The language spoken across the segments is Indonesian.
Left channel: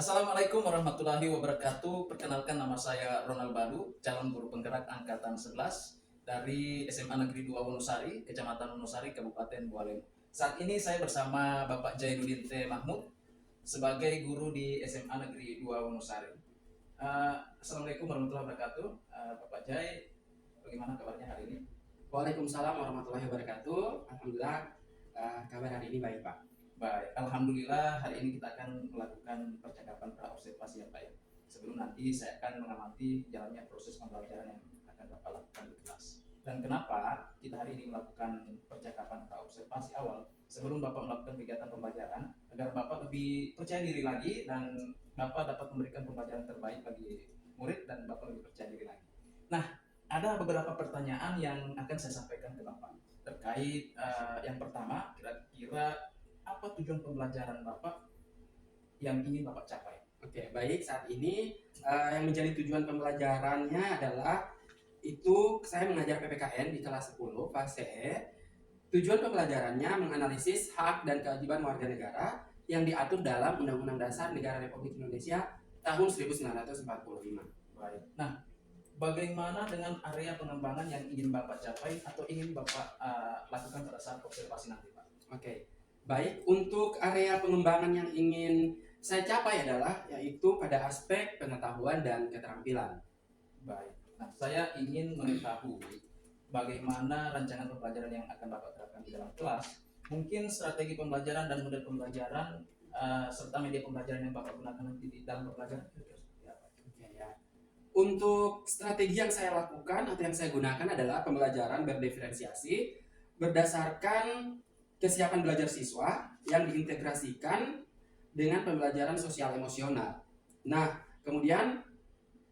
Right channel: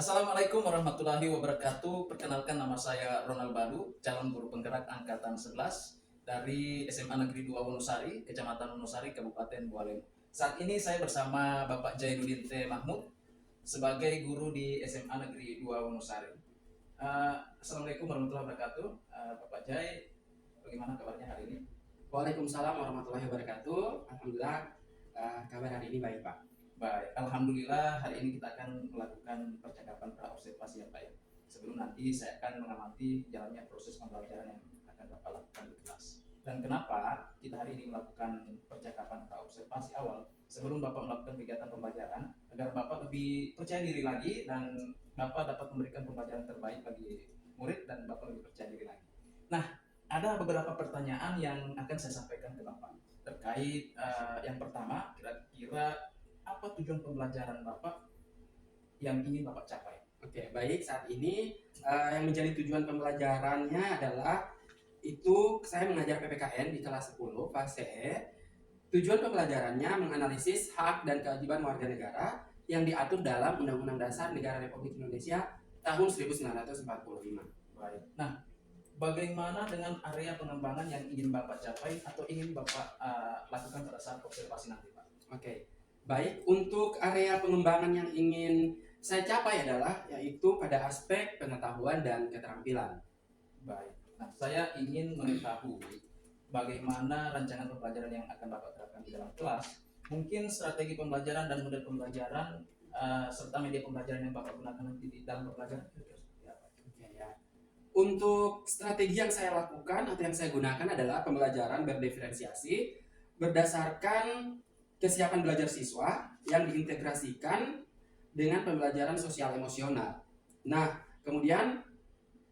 Assalamualaikum warahmatullahi wabarakatuh. Perkenalkan, nama saya Ronald Badu, calon guru penggerak angkatan 11 dari SMA Negeri 2 Wonosari, Kecamatan Wonosari, Kabupaten Bualem. Saat ini saya bersama Bapak Jainuddin T. Mahmud sebagai guru di SMA Negeri 2 Wonosari. Assalamualaikum warahmatullahi wabarakatuh. Bapak Jai, bagaimana kabarnya hari ini? Waalaikumsalam warahmatullahi wabarakatuh. Alhamdulillah, kabar hari ini baik, Pak. Baik, alhamdulillah hari ini kita akan melakukan percakapan praobservasi ya Pak ya. Sebelum nanti saya akan mengamati jalannya proses pembelajaran yang akan Bapak lakukan di kelas. Dan kenapa kita hari ini melakukan percakapan praobservasi awal sebelum Bapak melakukan kegiatan pembelajaran, agar Bapak lebih percaya diri lagi dan Bapak dapat memberikan pembelajaran terbaik bagi murid dan Bapak lebih percaya diri lagi. Nah, ada beberapa pertanyaan yang akan saya sampaikan ke Bapak terkait yang pertama, kira-kira apa tujuan pembelajaran Bapak yang ingin Bapak capai? Oke, baik. Saat ini yang menjadi tujuan pembelajarannya adalah itu saya mengajar PPKN di kelas 10 fase E. Tujuan pembelajarannya menganalisis hak dan kewajiban warga negara yang diatur dalam Undang-Undang Dasar Negara Republik Indonesia tahun 1945. Baik. Nah, bagaimana dengan area pengembangan yang ingin Bapak capai atau ingin Bapak lakukan pada saat observasi nanti, Pak? Oke. Baik, untuk area pengembangan yang ingin saya capai adalah yaitu pada aspek pengetahuan dan keterampilan. Baik. Nah, saya ingin mengetahui bagaimana rancangan pembelajaran yang akan Bapak terapkan di dalam kelas, mungkin strategi pembelajaran dan model pembelajaran serta media pembelajaran yang Bapak gunakan nanti di dalam pembelajaran. Oke, ya. Untuk strategi yang saya lakukan atau yang saya gunakan adalah pembelajaran berdiferensiasi berdasarkan kesiapan belajar siswa yang diintegrasikan dengan pembelajaran sosial emosional. Nah, kemudian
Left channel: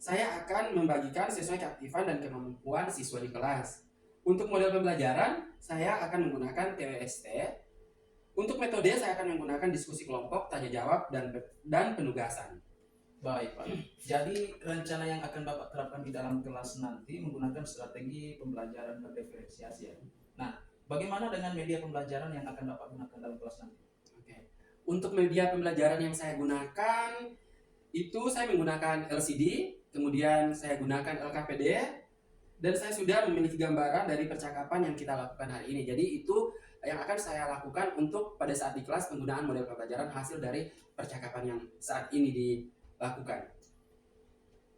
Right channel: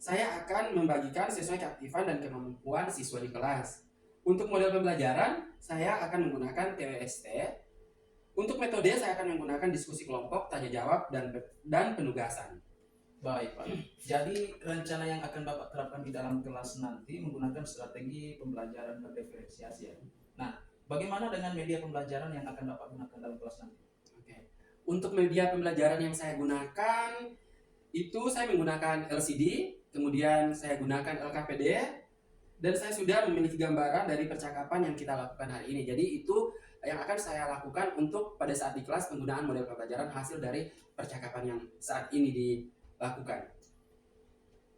saya akan membagikan sesuai keaktifan dan kemampuan siswa di kelas. Untuk model pembelajaran, saya akan menggunakan TWST. Untuk metode, saya akan menggunakan diskusi kelompok, tanya jawab, dan penugasan. Baik, Pak. Jadi rencana yang akan Bapak terapkan di dalam kelas nanti menggunakan strategi pembelajaran berdiferensiasi ya. Nah, bagaimana dengan media pembelajaran yang akan Bapak gunakan dalam kelas nanti? Oke. Untuk media pembelajaran yang saya gunakan, itu saya menggunakan LCD, kemudian saya gunakan LKPD, dan saya sudah memiliki gambaran dari percakapan yang kita lakukan hari ini. Jadi itu yang akan saya lakukan untuk pada saat di kelas penggunaan model pembelajaran hasil dari percakapan yang saat ini dilakukan.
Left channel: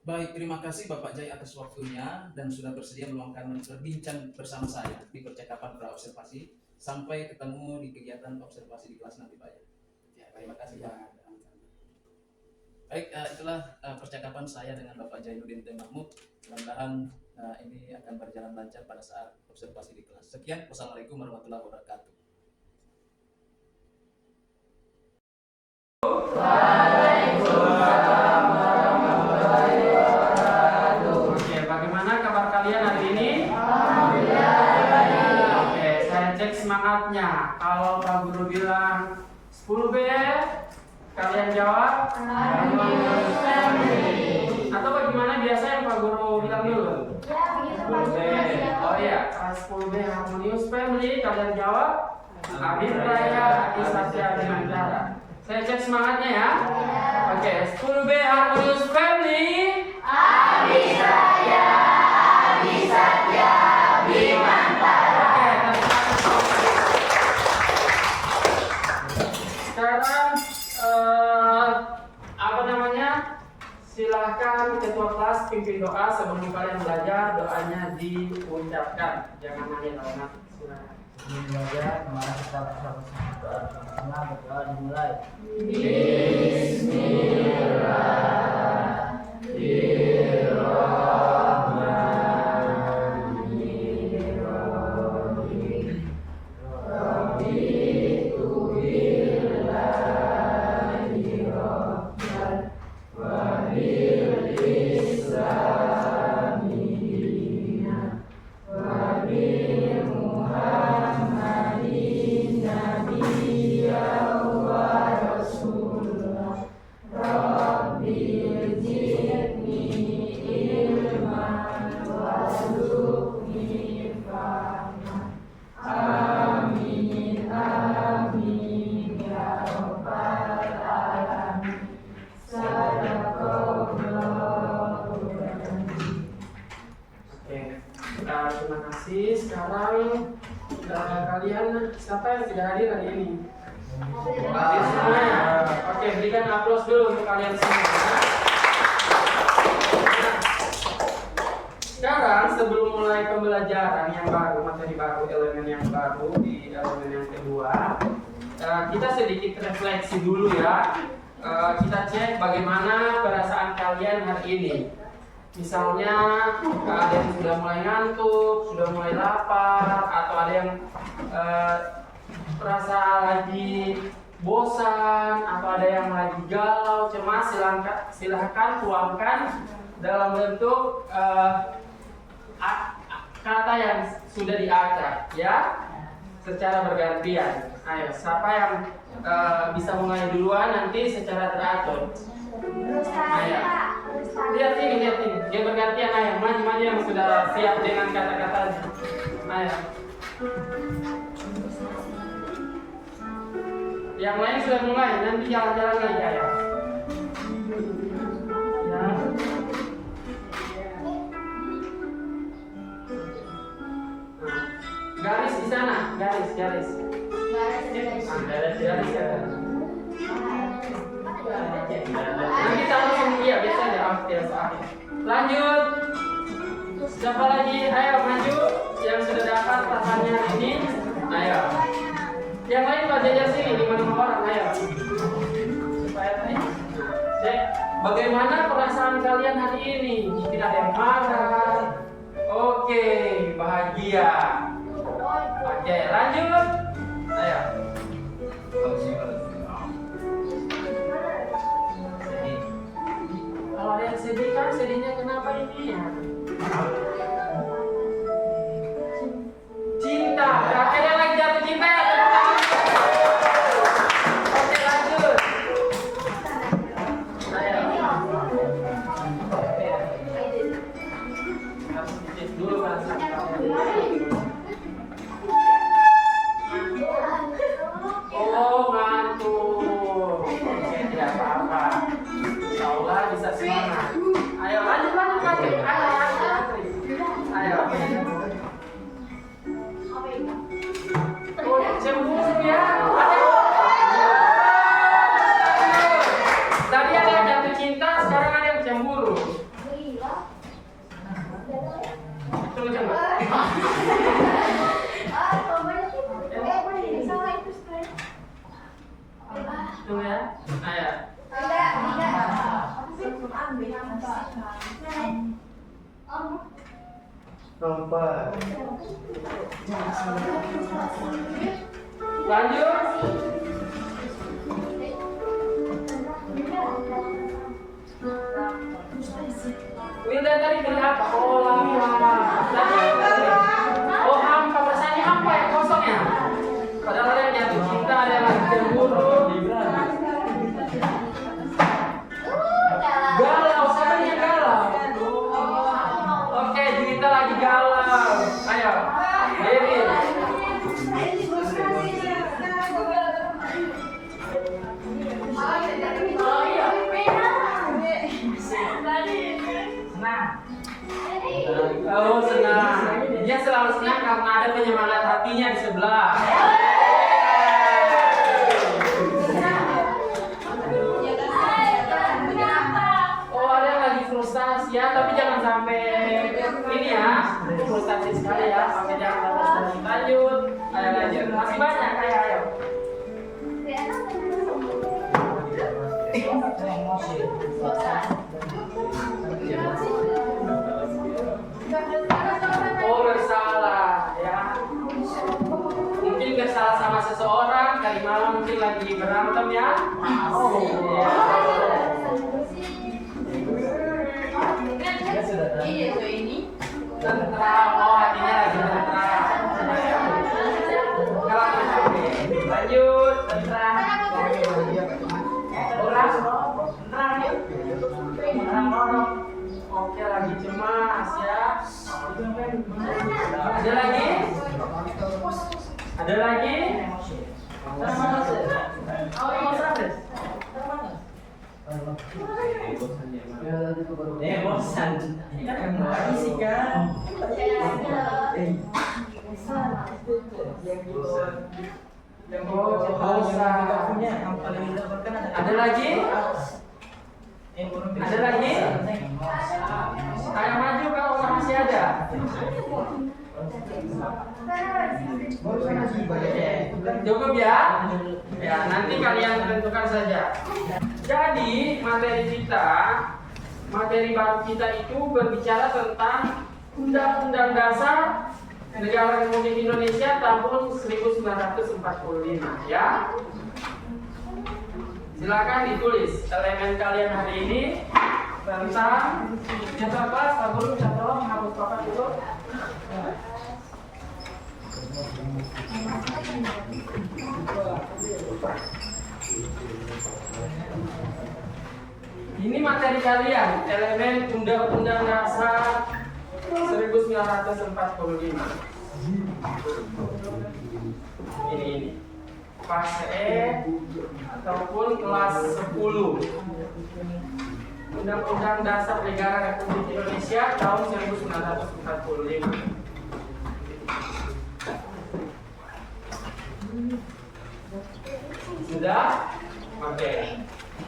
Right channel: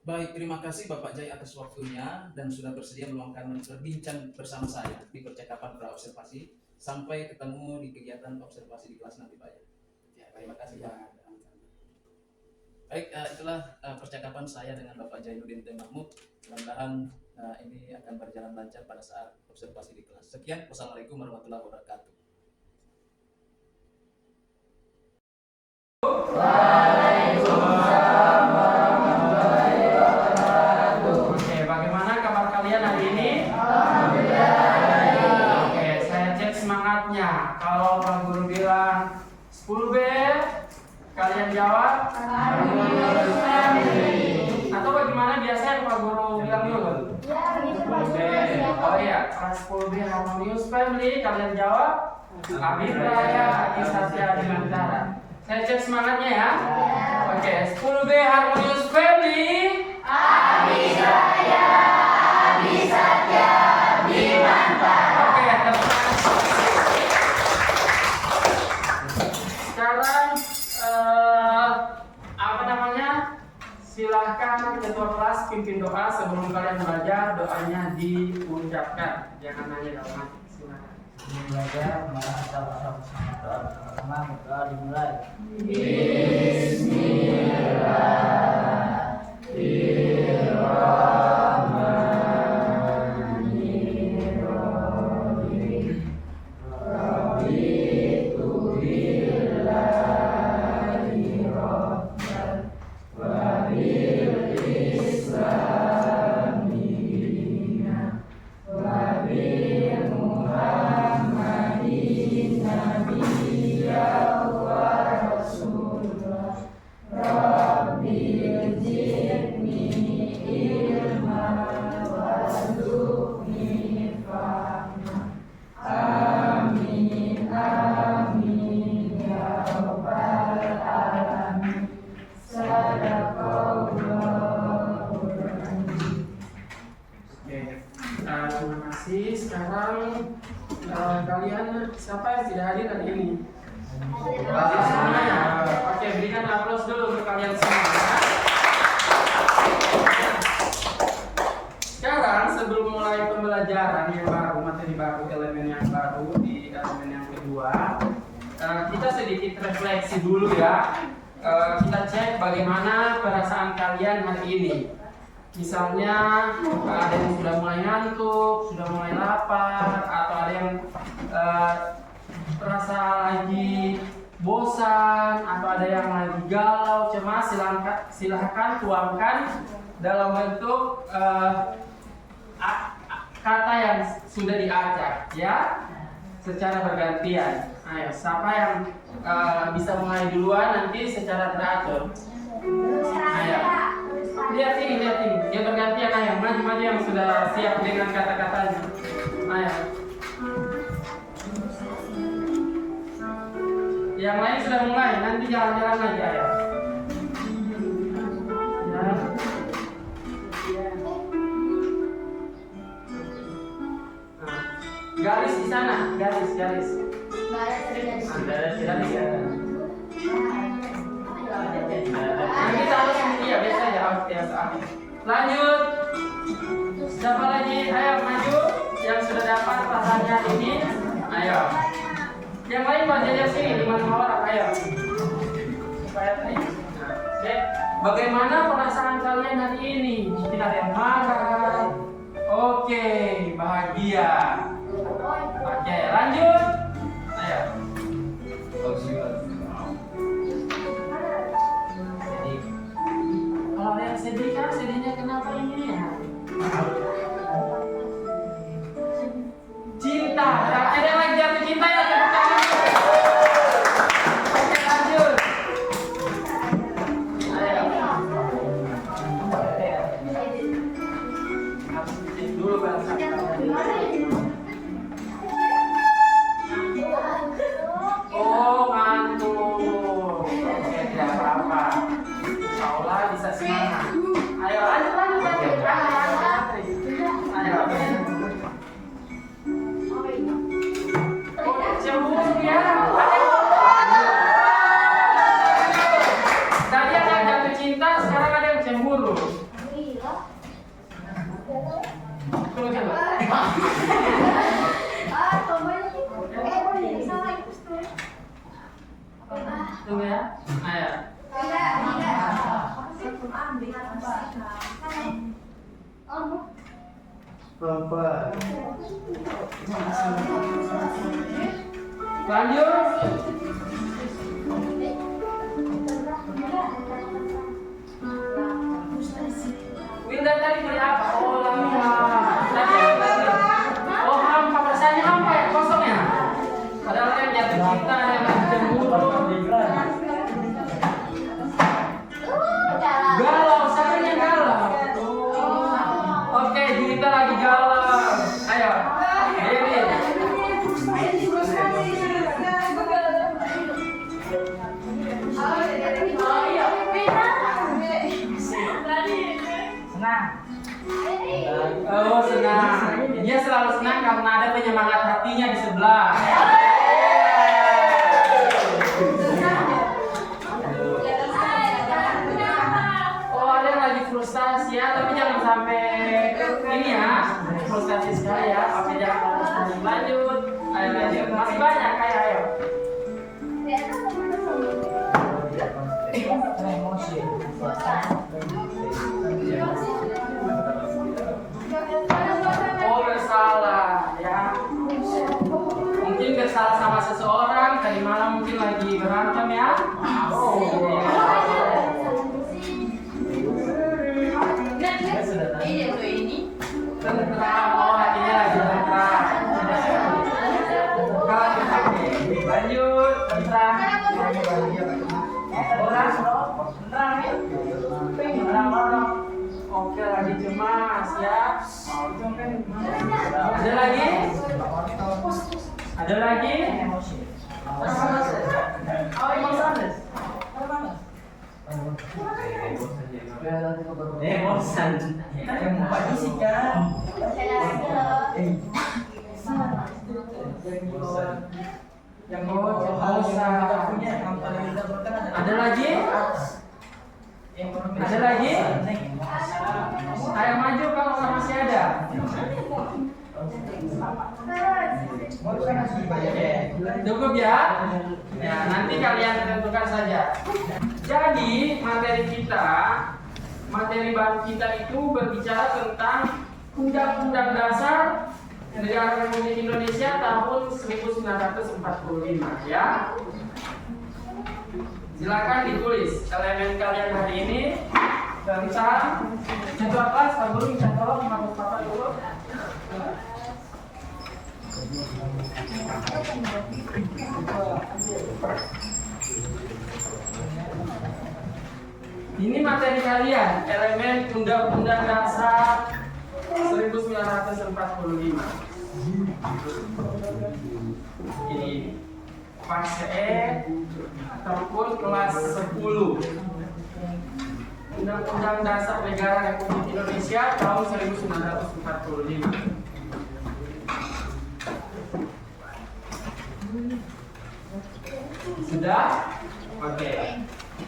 Baik, terima kasih Bapak Jai atas waktunya dan sudah bersedia meluangkan berbincang bersama saya di percakapan praobservasi. Sampai ketemu di kegiatan observasi di kelas nanti, Pak. Ya, Terima kasih, ya. Pak. Baik, itulah percakapan saya dengan Bapak Jainuddin T. Mahmud. Mudah-mudahan ini akan berjalan lancar pada saat observasi di kelas. Sekian, wassalamualaikum warahmatullahi wabarakatuh. Oke, bagaimana kabar kalian hari ini? Oke, saya cek semangatnya. Kalau Pak Guru bilang 10B, kalian jawab? Atau bagaimana biasanya Pak Guru bilang dulu? 10B. Oh iya, kelas 10B Harmonious Family, kalian jawab? Abid Raya, Adi Satya, Bimantara. Saya cek semangatnya ya. Oke, 10B Harmonious Family. Abid Raya, Adi Satya, Bimantara. Oke, sekarang silahkan ketua kelas pimpin doa sebelum kalian belajar. Doanya diucapkan, jangan hanya dalam hati. Silakan. Belajar kemarin kita pertama kita dimulai. Rabbi terima kasih. Sekarang kalian siapa yang tidak hadir hari ini? Hadir semuanya. Oke, berikan aplaus dulu untuk kalian semua. Sekarang sebelum mulai pembelajaran yang baru, materi baru, elemen yang baru di elemen yang kedua, kita sedikit refleksi dulu ya. Kita cek bagaimana perasaan kalian hari ini. Misalnya ada yang sudah mulai ngantuk, sudah mulai lapar, atau ada yang merasa lagi bosan, atau ada yang lagi galau, cemas. Silahkan tuangkan dalam bentuk kata yang sudah diacak ya, secara bergantian. Ayo, siapa yang bisa mulai duluan nanti secara teratur? Ayo, lihat ini, dia bergantian. Ayo, maju yang sudah siap dengan kata-katanya. Ayo, yang lain sudah mulai, nanti jalan-jalan lagi. Ayo, ya. Garis di sana, garis. Garis ya. Nanti sama semua biasa ya. Lanjut. Siapa lagi? Ayo maju. Yang sudah dapat pasannya ini. Ayo. Yang lain baca sini 5 orang. Ayo. Supaya cek bagaimana perasaan kalian hari ini. Mungkin ada yang marah. Oke, bahagia. Oke, lanjut. Ayo. Kalau ada yang sedih kan, sedihnya kenapa ini ya? Cinta. Berarti ada lagi jatuh cinta ya? Oke, lanjut. Ayo. Harus dicek dulu perasaan kalian. Oh, ngantuk. Oke, tidak apa-apa. Insya Allah bisa semangat. Ayo, lanjut. Ayo. Oh, cemburu ya. Tadi ada yang jatuh cinta, sekarang ada yang cemburu. Tunggu coba. Tunggu ya. Ayo. Lanjut. Winda tadi beli apa? Oh, lama. Oh, hampa. Rasanya hampa ya, kosong ya. Padahal ada yang jatuh cinta, ada yang lagi cemburu. Galau, siapa yang galau? Oke, Juwita lagi galau. Ayo, Dewi. Oh, senang. Dia selalu senang karena ada penyemangat hatinya di sebelah. Oh, ada yang lagi frustasi ya, tapi jangan sampai ini ya, frustasi sekali ya. Oke, jangan sampai frustasi. Lanjut. Ayo lanjut. Masih banyak, ayo. Emosi. Oh, bersalah ya. Mungkin bersalah sama seseorang, tadi malam mungkin lagi berantem ya. Oh, iya. Tentram, oh hatinya lagi tentram. Lanjut, tentram. Oke, lagi cemas ya. Ada lagi? Ada lagi? bosan. Yang mau isi kan? Yang Ada lagi? Ada lagi? Ayo maju kalau masih ada. Cukup ya? Ya, nanti kalian tentukan saja. Jadi materi baru kita itu berbicara tentang Undang-Undang Dasar Negara Republik Indonesia tahun 1945 ya. Silakan ditulis elemen kalian hari ini tentang jadwal kelas. Pak Guru minta tolong menghapus papan itu. Ini materi kalian, elemen Undang-Undang Dasar 1945. Ini fase E ataupun kelas 10. Undang-Undang Dasar Negara Republik Indonesia tahun 1945. Sudah? Oke.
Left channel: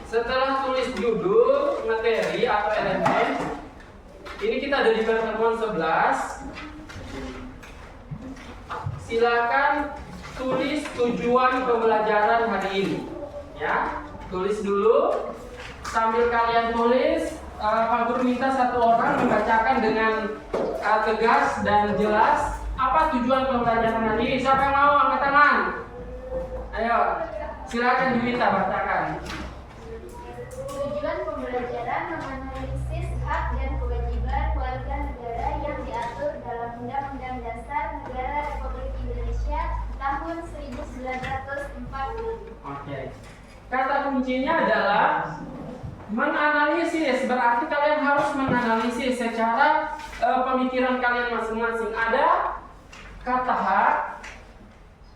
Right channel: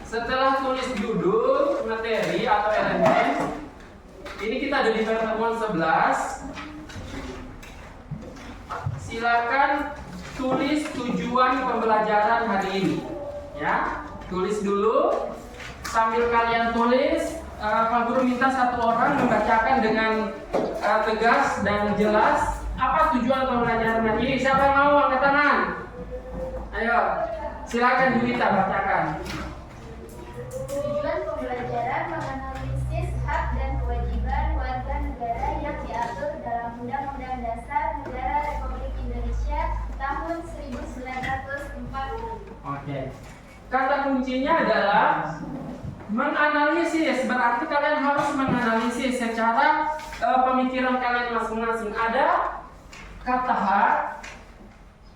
Setelah tulis judul, materi atau elemen, ini kita ada di pertemuan 11. Silakan tulis tujuan pembelajaran hari ini. Ya, tulis dulu. Sambil kalian tulis, Pak Guru minta satu orang membacakan dengan tegas dan jelas apa tujuan pembelajaran hari ini. Siapa yang mau angkat tangan? Ayo, silakan Juwita bacakan. Tujuan pembelajaran menganalisis hak dan kewajiban warga negara yang diatur dalam Undang-Undang Dasar Negara Republik Indonesia tahun 1945. Oke. Kata kuncinya adalah menganalisis. Berarti kalian harus menganalisis secara pemikiran kalian masing-masing. Ada kata hak,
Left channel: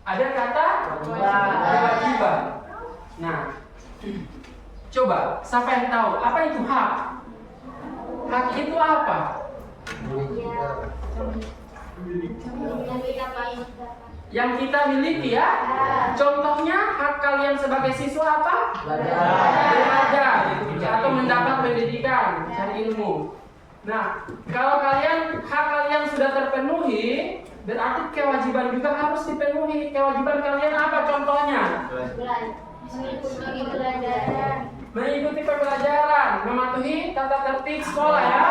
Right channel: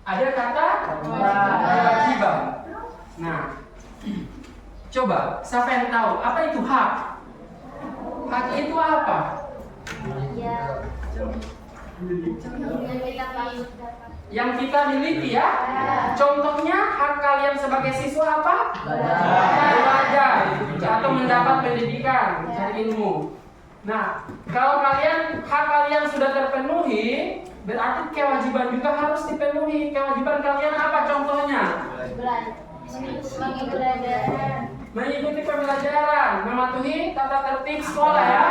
ada kata kewajiban. Nah, coba siapa yang tahu apa itu hak? Hak itu apa? Yang kita patut dapat. Yang kita miliki ya. Contohnya hak kalian sebagai siswa apa? Belajar atau mendapat pendidikan, cari ilmu. Nah, kalau hak kalian sudah terpenuhi, berarti kewajiban juga harus dipenuhi. Kewajiban kalian apa contohnya? Mengikuti pembelajaran, mematuhi tata tertib sekolah ya.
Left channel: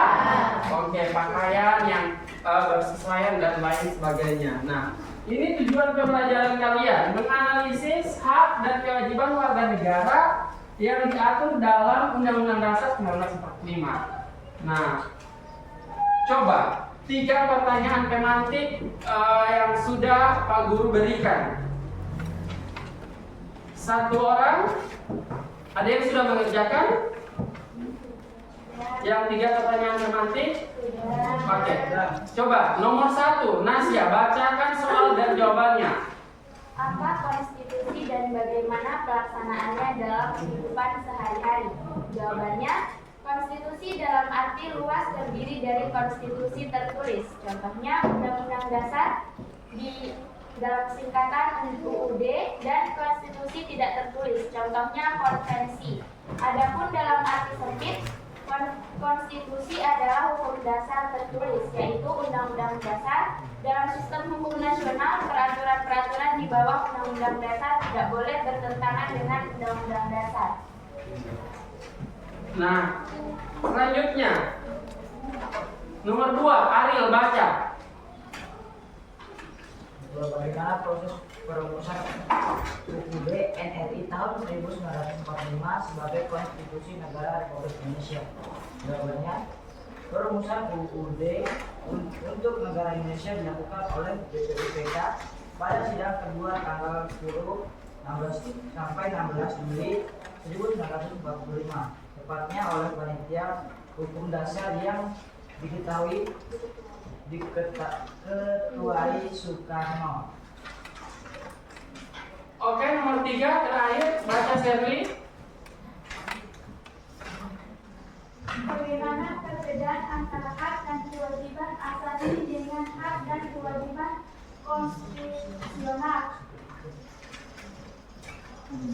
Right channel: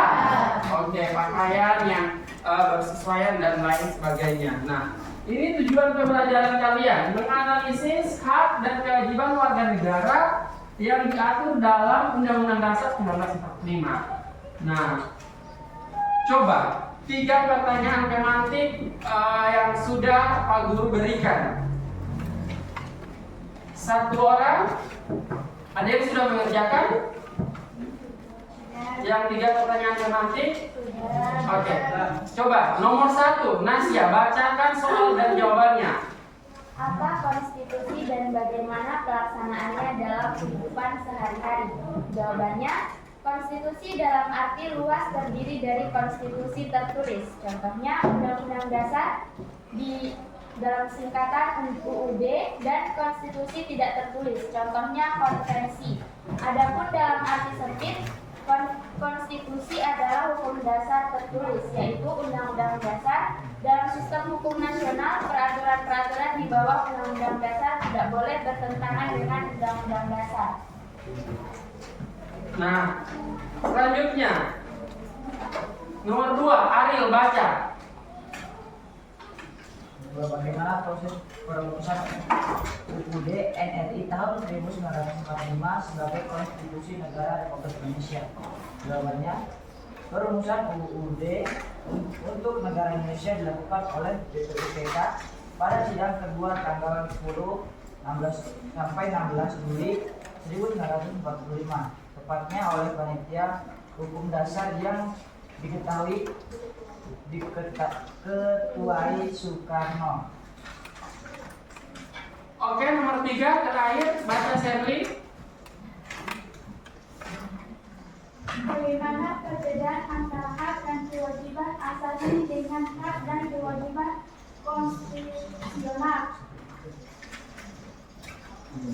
Oke, pakaian yang bersesuaian dan lain sebagainya. Nah, ini tujuan pembelajaran kalian, menganalisis hak dan kewajiban warga negara yang diatur dalam Undang-Undang Dasar 1945. Nah, coba 3 pertanyaan tematik yang sudah Pak Guru berikan. Satu orang, ada yang sudah mengerjakan? Yang 3 pertanyaan tematik? Oke, coba nomor 1, Nasya, bacakan soal dan jawabannya. Apa konstitusi dan bagaimana pelaksanaannya dalam kehidupan sehari-hari? Jawabannya, konstitusi dalam arti luas terdiri dari konstitusi tertulis. Contohnya Undang-Undang Dasar di dalam singkatan UUD dan konstitusi tidak tertulis. Contohnya konvensi. Adapun dalam arti sempit, konstitusi adalah hukum dasar tertulis, yaitu Undang-Undang Dasar. Dalam sistem hukum nasional, peraturan-peraturan di bawah Undang-Undang Dasar tidak boleh bertentangan dengan Undang-Undang Dasar. Nah, selanjutnya nomor 2, Ariel baca. Bagaimana proses perumusan UUD NRI tahun 1945 sebagai konstitusi negara Republik Indonesia? Jawabannya, perumusan UUD untuk negara Indonesia dilakukan oleh BPUPK pada sidang kedua tanggal 16 sampai 16 Juli 1945, tepatnya oleh panitia hukum dasar yang diketuai Soekarno. Oke, nomor 3 terakhir, baca Sherly. bagaimana perbedaan antara hak dan kewajiban asasi dengan hak dan kewajiban konstitusional.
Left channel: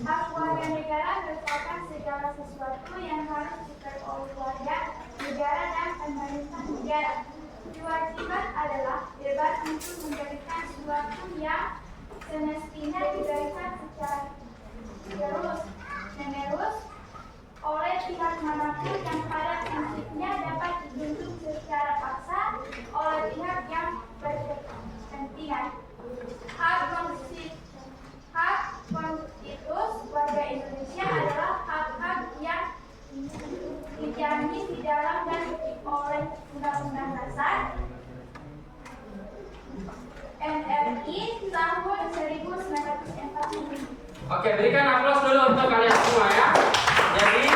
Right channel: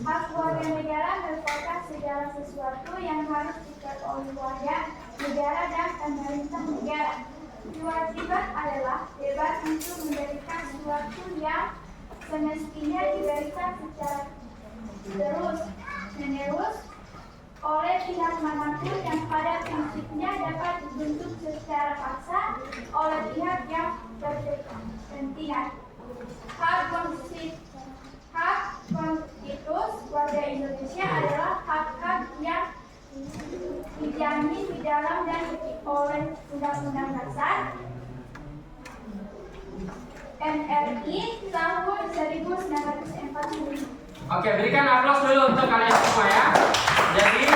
Hak warga negara merupakan segala sesuatu yang harus diperoleh warga negara dan pemerintah negara. Kewajiban adalah bebas untuk memberikan sesuatu yang semestinya diberikan secara terus-menerus oleh pihak manapun yang pada prinsipnya dapat dibentuk secara paksa oleh pihak yang berkepentingan. Hak konstitusi warga Indonesia adalah hak-hak yang dijamin di dalam dan oleh Undang-Undang Dasar RI tahun 1945. Oke, berikan aplaus dulu untuk kalian semua ya. Jadi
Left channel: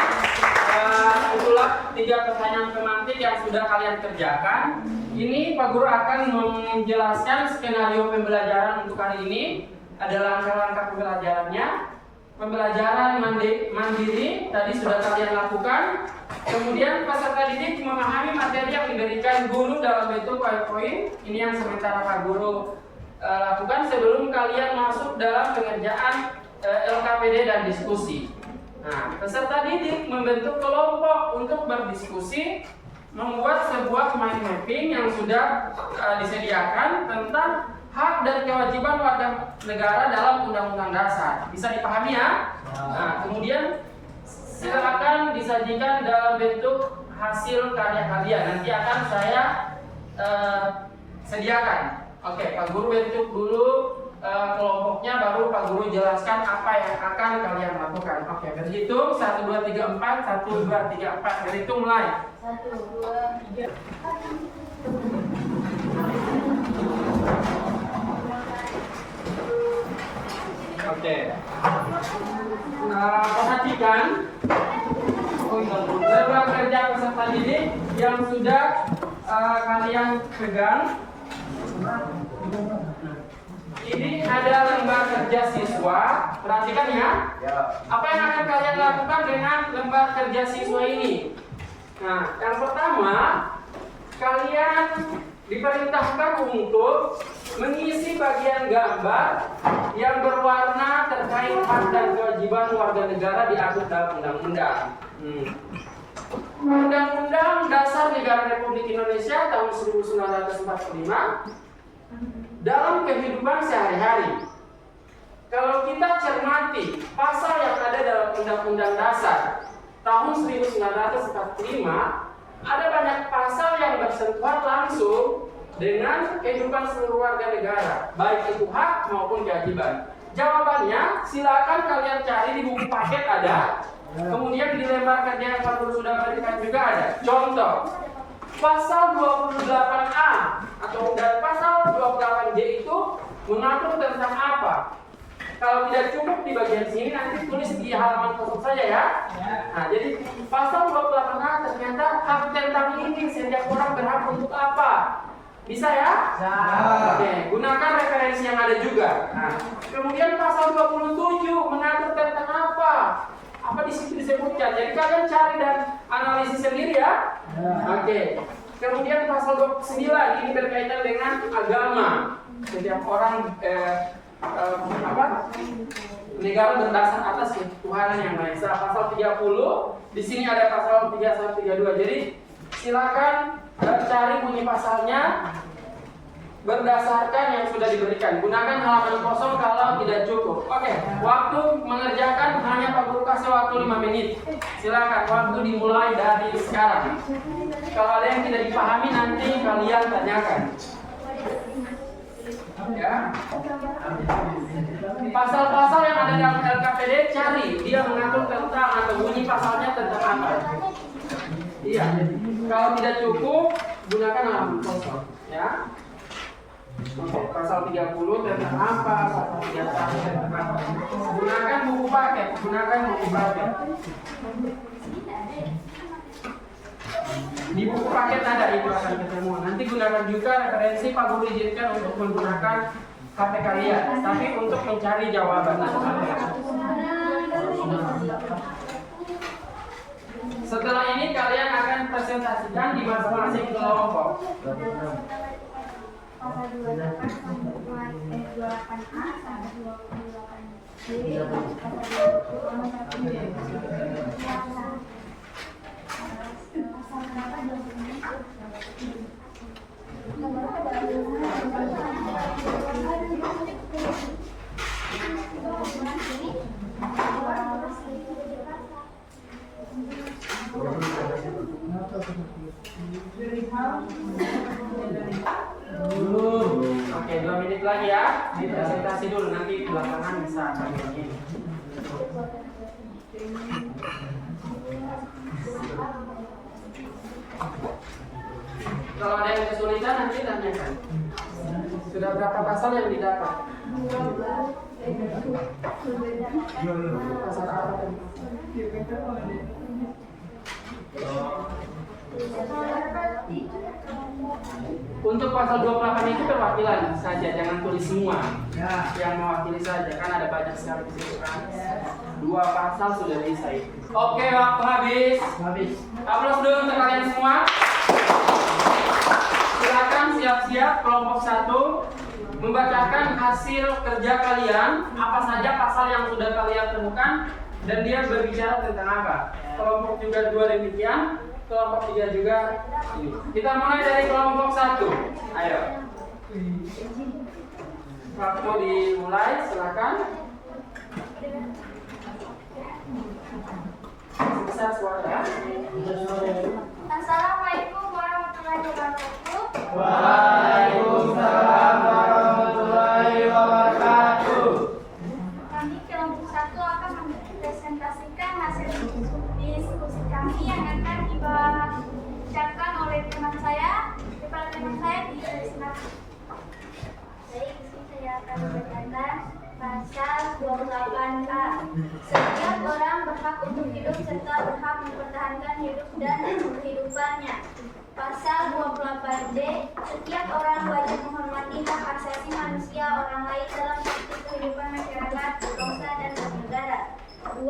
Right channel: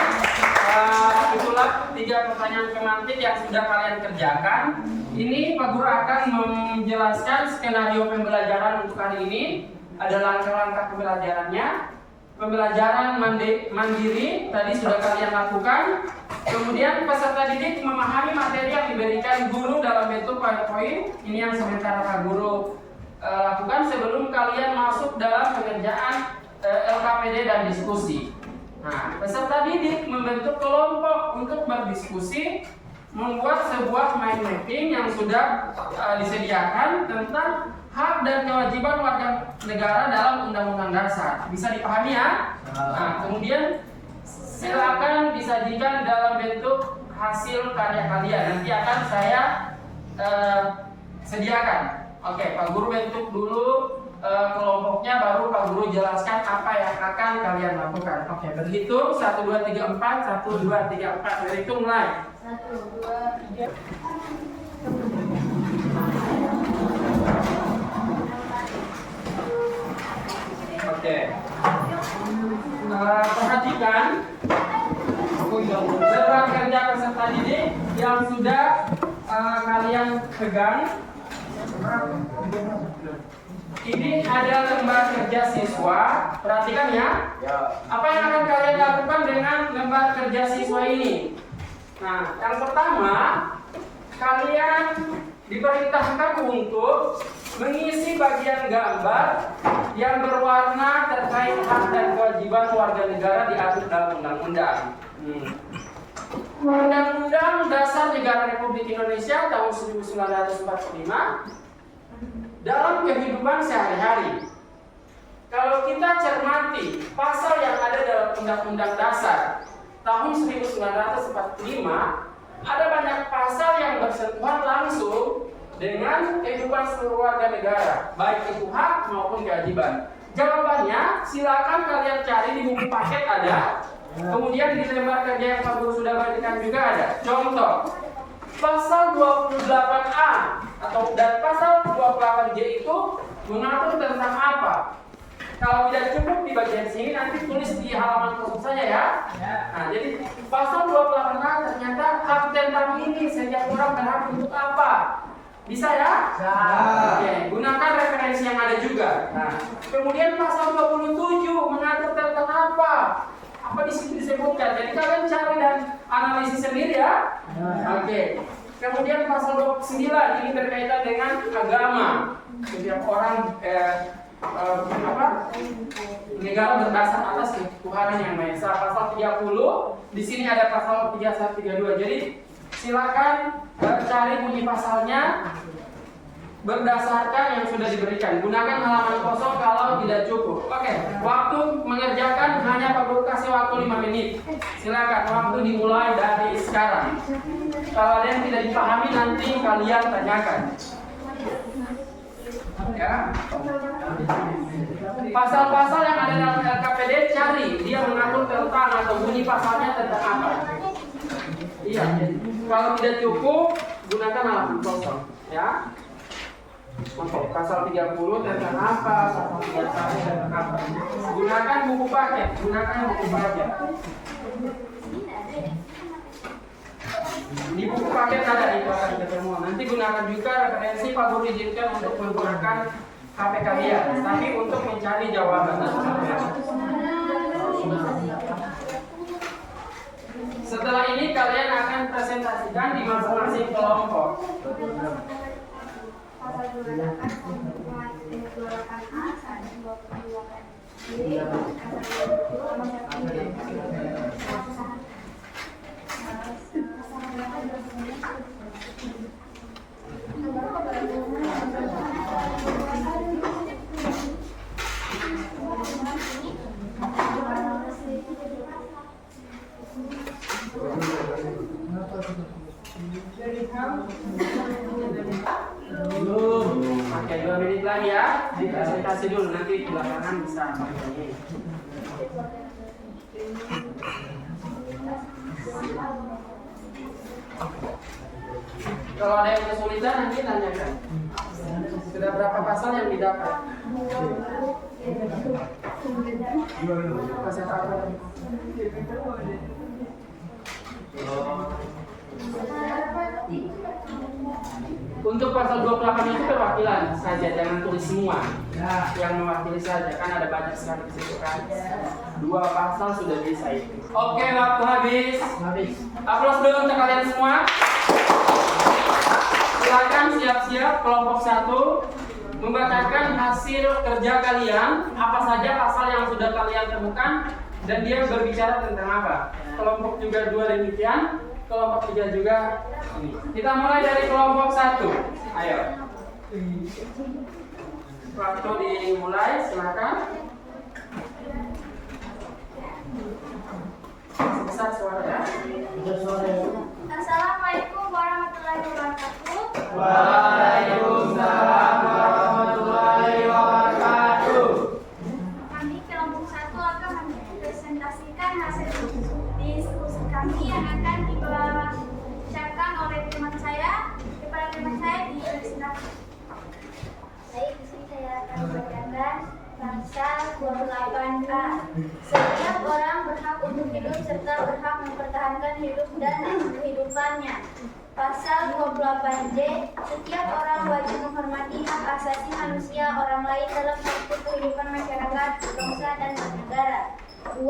itulah 3 pertanyaan pemantik yang sudah kalian kerjakan. Ini Pak Guru akan menjelaskan skenario pembelajaran untuk hari ini. Ada langkah-langkah pembelajarannya. Pembelajaran mandiri tadi sudah kalian lakukan. Kemudian peserta didik memahami materi yang diberikan guru dalam bentuk PowerPoint. Ini yang sementara Pak Guru lakukan sebelum kalian masuk dalam pengerjaan LKPD dan diskusi. Nah, peserta didik membentuk kelompok untuk berdiskusi, membuat sebuah mind mapping yang sudah disediakan tentang hak dan kewajiban warga negara dalam Undang-Undang Dasar. Bisa dipahami ya? Nah, kemudian silakan disajikan dalam bentuk hasil karya kalian. Nanti akan saya sediakan. Oke, Pak Guru bentuk dulu kelompoknya, baru Pak Guru jelaskan apa yang akan kalian lakukan. Oke, berhitung 1, 2, 3, 4. 1, 2, 3, 4. Berhitung mulai. 1, 2, 3. Oke. Perhatikan beban kerja peserta didik yang sudah kalian pegang. Ini ada lembar kerja siswa. Perhatikan ya. Apa yang akan kalian lakukan dengan lembar kerja siswa ini? Nah, yang pertama, kalian diperintahkan untuk mengisi bagian gambar yang berwarna terkait hak dan kewajiban warga negara diatur dalam undang-undang. Undang-Undang Dasar Negara Republik Indonesia tahun 1945 dalam kehidupan sehari-hari. Kalau kita cermati pasal yang ada dalam Undang-Undang Dasar tahun 1945, ada banyak pasal yang bersentuhan langsung dengan kehidupan seluruh warga negara, baik itu hak maupun kewajiban. Jawabannya silakan kalian cari di buku paket ada. Kemudian di lembar kerja yang Pak Guru sudah berikan juga ada. Contoh, pasal 28A atau dan pasal 28J itu mengatur tentang apa? Kalau tidak cukup di bagian sini, nanti tulis di halaman kosong saja ya. Nah, jadi pasal 28A ternyata hak tentang ini setiap orang berhak untuk apa? Bisa ya? Ya. Oke, gunakan referensi yang ada juga. Nah, kemudian pasal 27 mengatur tentang apa? Apa di situ disebutkan? Jadi kalian cari dan analisis sendiri ya. Oke. Kemudian pasal 29 ini berkaitan dengan agama. Setiap orang negara berdasar atas ketuhanan yang Maha Esa. Pasal 30, di sini ada pasal 31, 32. Jadi silakan cari bunyi pasalnya berdasarkan yang sudah diberikan. Gunakan halaman kosong kalau tidak cukup. Oke, waktu mengerjakan hanya Pak Guru kasih waktu 5 menit. Silakan, waktu dimulai dari sekarang. Kalau ada yang tidak dipahami nanti kalian tanyakan. Ya. Pasal-pasal yang ada dalam LKPD cari, dia mengatur tentang atau bunyi pasalnya tentang apa. Iya. Kalau tidak cukup, gunakan halaman kosong, ya. Oke, pasal 30 tentang apa, pasal 31 tentang apa. Gunakan buku paket, Di buku paket ada itu akan ketemu. Nanti gunakan juga referensi Pak Guru izinkan untuk menggunakan HP kalian, tapi untuk mencari jawaban. Setelah ini kalian akan presentasikan di masing-masing kelompok. Pasal 28A, 28B, pasal Oke, 2 menit lagi ya. Presentasi dulu, nanti belakangan bisa begini. Kalau ada yang kesulitan nanti tanyakan. Sudah berapa pasal yang didapat? Pasal apa tadi? Untuk pasal 28 itu perwakilan saja, jangan tulis semua. Yang mewakili saja, kan ada banyak sekali di situ kan. 2 pasal sudah bisa itu. Oke, waktu habis. Aplaus dulu untuk kalian semua. Silakan siap-siap kelompok 1 membacakan hasil kerja kalian, apa saja pasal yang sudah kalian temukan dan dia berbicara tentang apa. Kelompok juga 2 demikian, kelompok 3 juga ini. Kita mulai dari kelompok 1. Ayo. Waktu dimulai, silakan. Sebesar suara ya. Assalamualaikum warahmatullahi wabarakatuh. Waalaikumsalam warahmatullahi wabarakatuh. Kami kelompok 1 akan mempresentasikan hasil diskusi kami yang akan dibacakan oleh teman saya di sini. Baik, di sini saya akan membacakan pasal 28A. Setiap orang berhak untuk hidup serta berhak mempertahankan hidup dan kehidupannya. Pasal 28D, setiap orang wajib menghormati hak asasi manusia orang lain dalam bentuk kehidupan masyarakat, bangsa, dan bernegara. 2.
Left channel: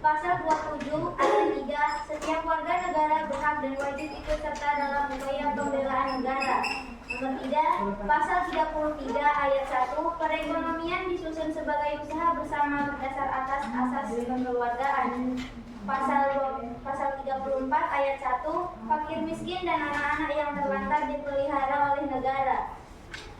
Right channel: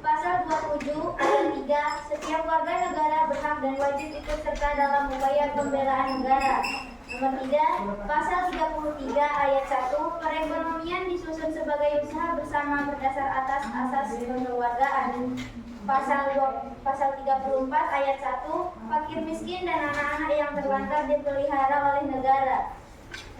Pasal 27 ayat 3, setiap warga negara berhak dan wajib ikut serta dalam upaya pembelaan negara. Nomor 3, pasal 33 ayat 1, perekonomian disusun sebagai usaha bersama berdasar atas asas kekeluargaan. Pasal 34 ayat 1, fakir miskin dan anak-anak yang terlantar dipelihara oleh negara.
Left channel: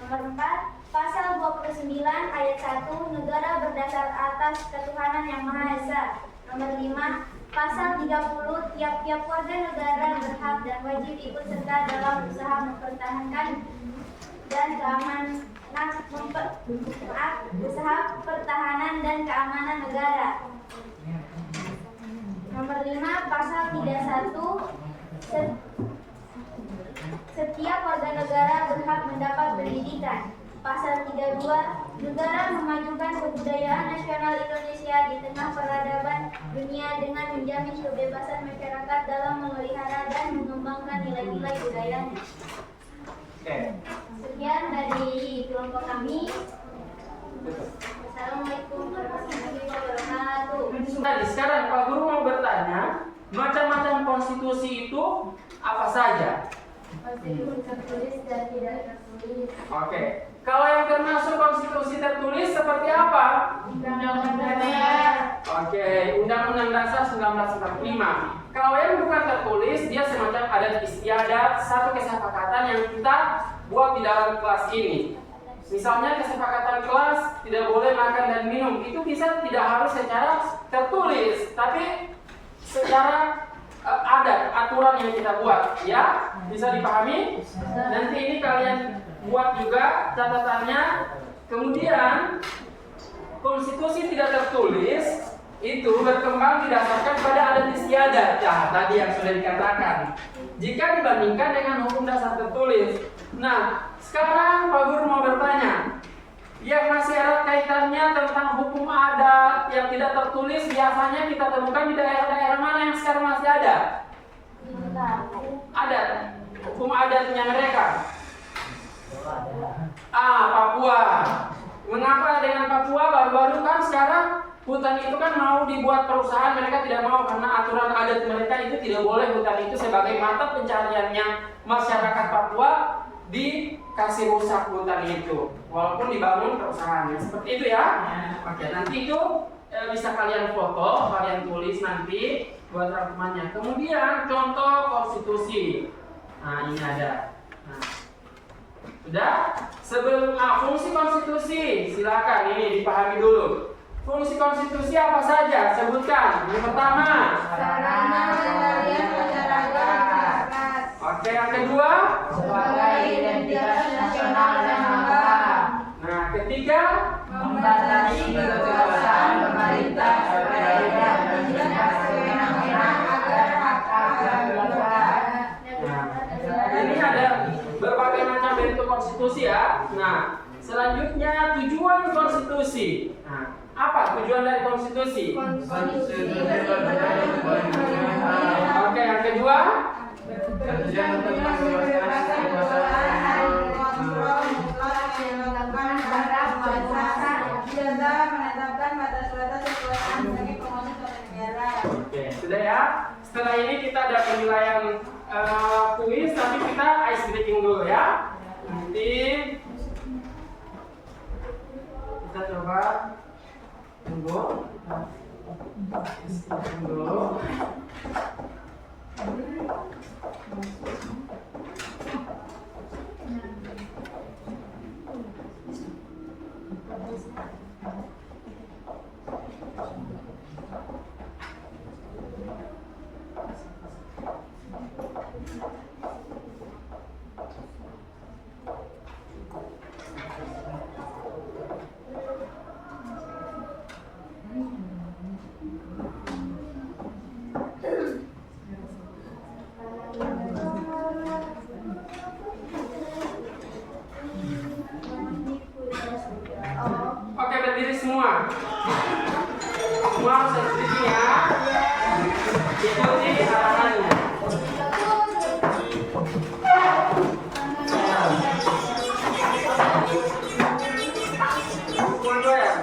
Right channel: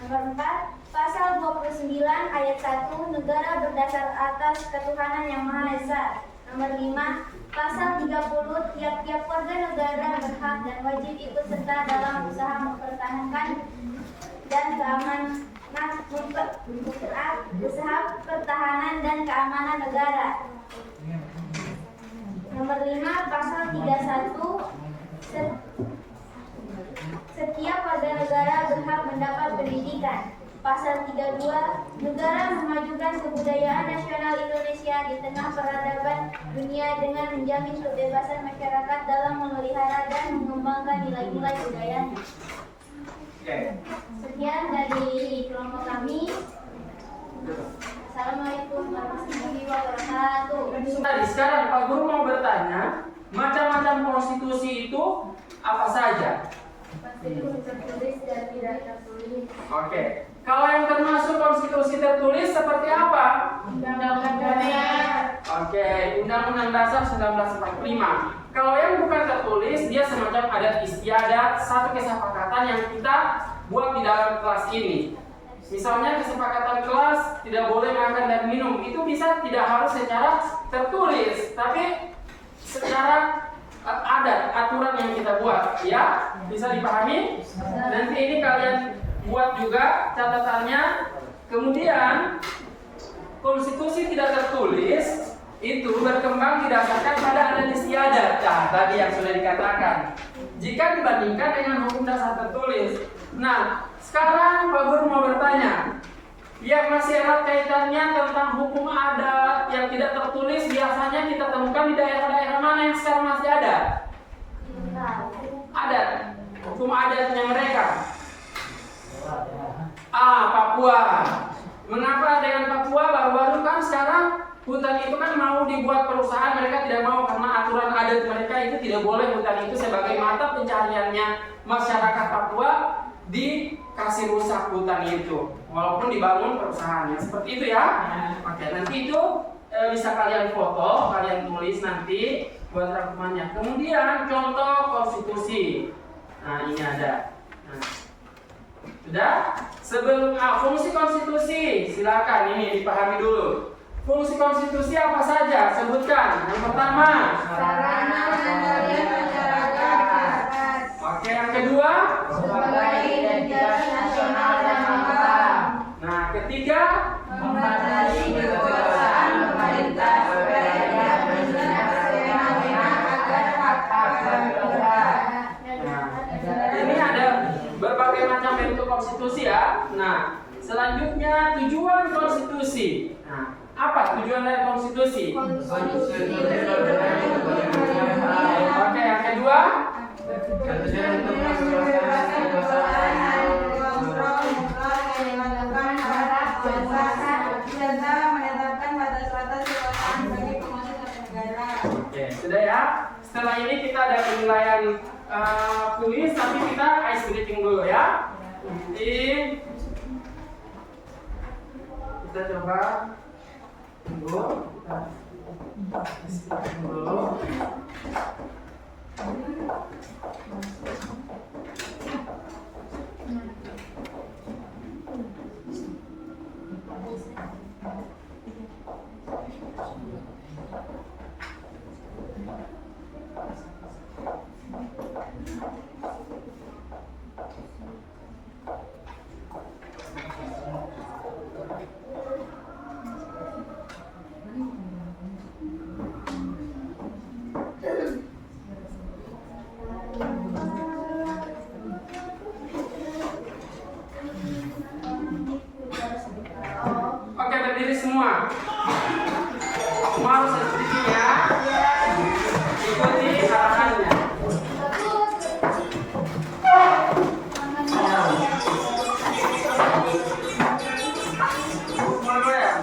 Nomor 4, pasal 29 ayat 1, negara berdasar atas ketuhanan yang Maha Esa. Nomor 5, pasal 30, tiap-tiap warga negara berhak dan wajib ikut serta dalam usaha mempertahankan dan usaha pertahanan dan keamanan negara. Nomor 5, pasal 31, setiap warga negara berhak mendapat pendidikan. Pasal 32, negara memajukan kebudayaan nasional Indonesia di tengah peradaban dunia dengan menjamin kebebasan masyarakat dalam memelihara dan mengembangkan nilai-nilai budayanya. Sekian dari kelompok kami. Assalamualaikum warahmatullahi wabarakatuh. Tadi sekarang Pak Guru mau bertanya, macam-macam konstitusi itu apa saja? Konstitusi tertulis dan tidak tertulis. Oke. Kalau yang termasuk konstitusi tertulis seperti apa? Undang-undang dasar. Oke, Undang-Undang Dasar 1945. Kalau yang bukan tertulis, dia semacam adat istiadat, satu kesepakatan yang kita buat di dalam kelas ini. Misalnya kesepakatan kelas tidak boleh makan dan minum, itu bisa tidak harus secara tertulis, tapi secara adat, aturan yang kita buat, ya, bisa dipahami. Nanti ini kalian buat juga catatannya. Kemudian konstitusi tidak tertulis itu berkembang didasarkan pada adat istiadat, ya, tadi yang sudah dikatakan. Jika dibandingkan dengan hukum dasar tertulis. Nah, sekarang Pak Guru mau bertanya, yang masih erat kaitannya tentang hukum adat yang tidak tertulis biasanya kita temukan di daerah-daerah mana yang sekarang masih ada? Adat, hukum adatnya mereka. Papua. Mengapa dengan Papua baru-baru kan sekarang hutan itu kan mau dibuat perusahaan, mereka tidak mau karena aturan adat mereka itu tidak boleh hutan itu sebagai mata pencariannya masyarakat Papua dikasih rusak hutan itu, walaupun dibangun perusahaannya seperti itu ya. Oke, nanti itu bisa kalian foto, kalian tulis nanti buat rangkumannya. Kemudian contoh konstitusi. Nah ini ada. Nah, sudah. Sebelum fungsi konstitusi, silakan ini dipahami dulu. Fungsi konstitusi apa saja? Sebutkan. Yang pertama, Sarana pengendalian masyarakat. oke, yang kedua, Sebagai identitas nasional dan bangsa. nah ketiga, Membatasi kekuasaan pemerintah supaya tidak bertindak semena-mena agar hak-hak bangsa. nah ini ada berbagai macam bentuk konstitusi ya. Nah selanjutnya tujuan konstitusi. Nah apa tujuan dari konstitusi? Oke, yang kedua, oke, sudah ya. Setelah ini kita ada penilaian kuis, tapi kita ice breaking dulu ya. Nanti kita coba tunggu. Tunggu. Oke, berdiri semua. Semua harus berdiri ya. Ikuti arahannya. Semua goyang.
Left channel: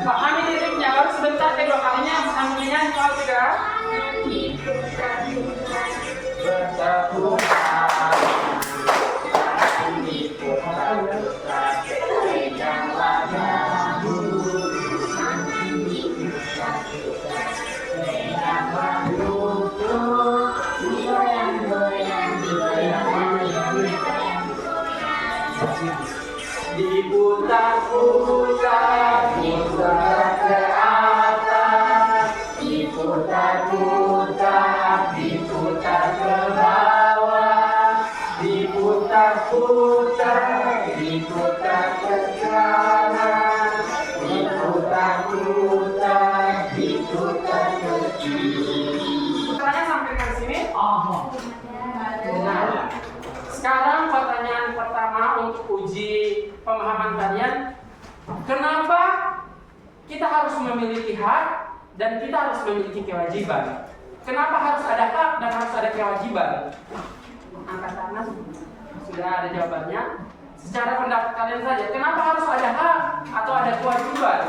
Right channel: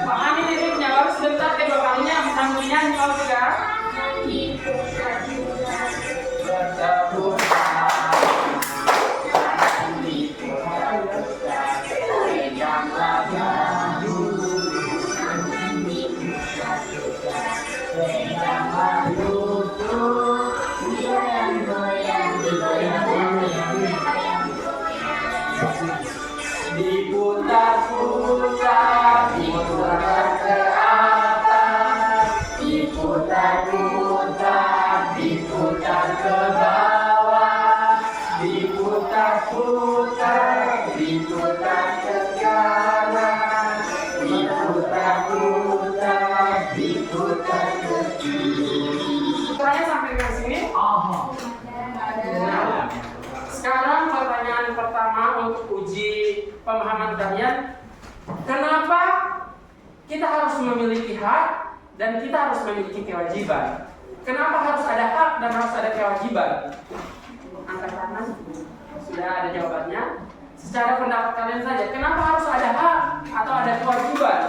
Pahami liriknya, baru sebentar kedua kalinya bisa menyanyi kalau tidak. Diputar-putar, diputar ke atas, diputar-putar, diputar ke bawah, diputar-putar, diputar ke kanan, diputar-putar, diputar ke kiri. Caranya sampai ke sini. Nah, sekarang pertanyaan pertama untuk uji pemahaman kalian, kenapa kita harus memiliki hak dan kita harus memiliki kewajiban? Kenapa harus ada hak dan harus ada kewajiban? Angkat tangan, sudah ada jawabannya. Secara pendapat kalian saja, kenapa harus ada hak atau ada kewajiban?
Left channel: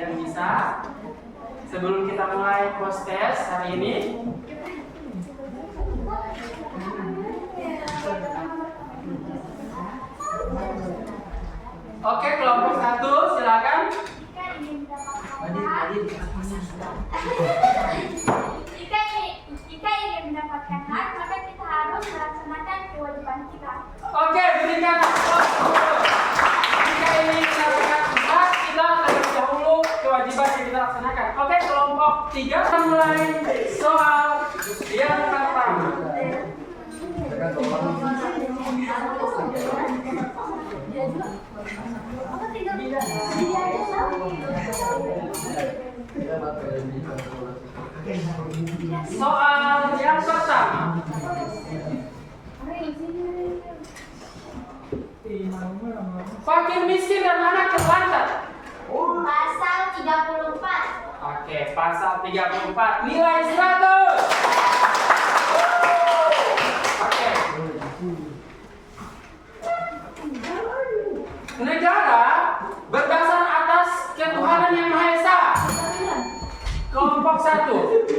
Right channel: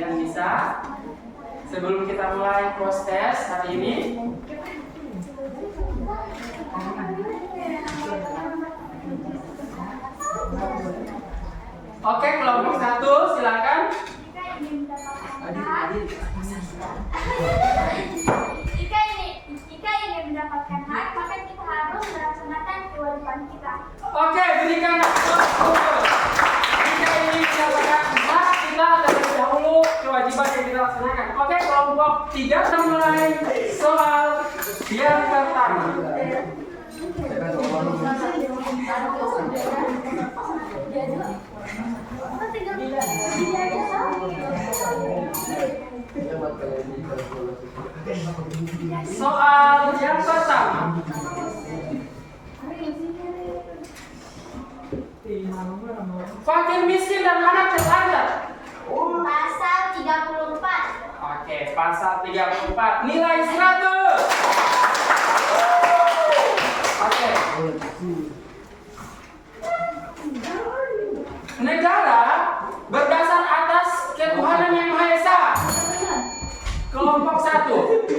Yang bisa sebelum kita mulai proses hari ini, oke, kelompok 1 silakan. Jika ingin mendapatkan hak, maka kita harus melaksanakan kewajiban kita. Oke, berikan aplaus. Jika ingin mendapatkan hak, kita terlebih dahulu kewajiban yang kita laksanakan. Oke, kelompok 3 kita mulai soal yang pertama. Soal yang pertama. Fakir miskin dan anak terlantar. Pasal 34. Oke, pasal 34 nilai 100. Oke. Negara berdasar atas ketuhanan yang Maha Esa. Kelompok 1.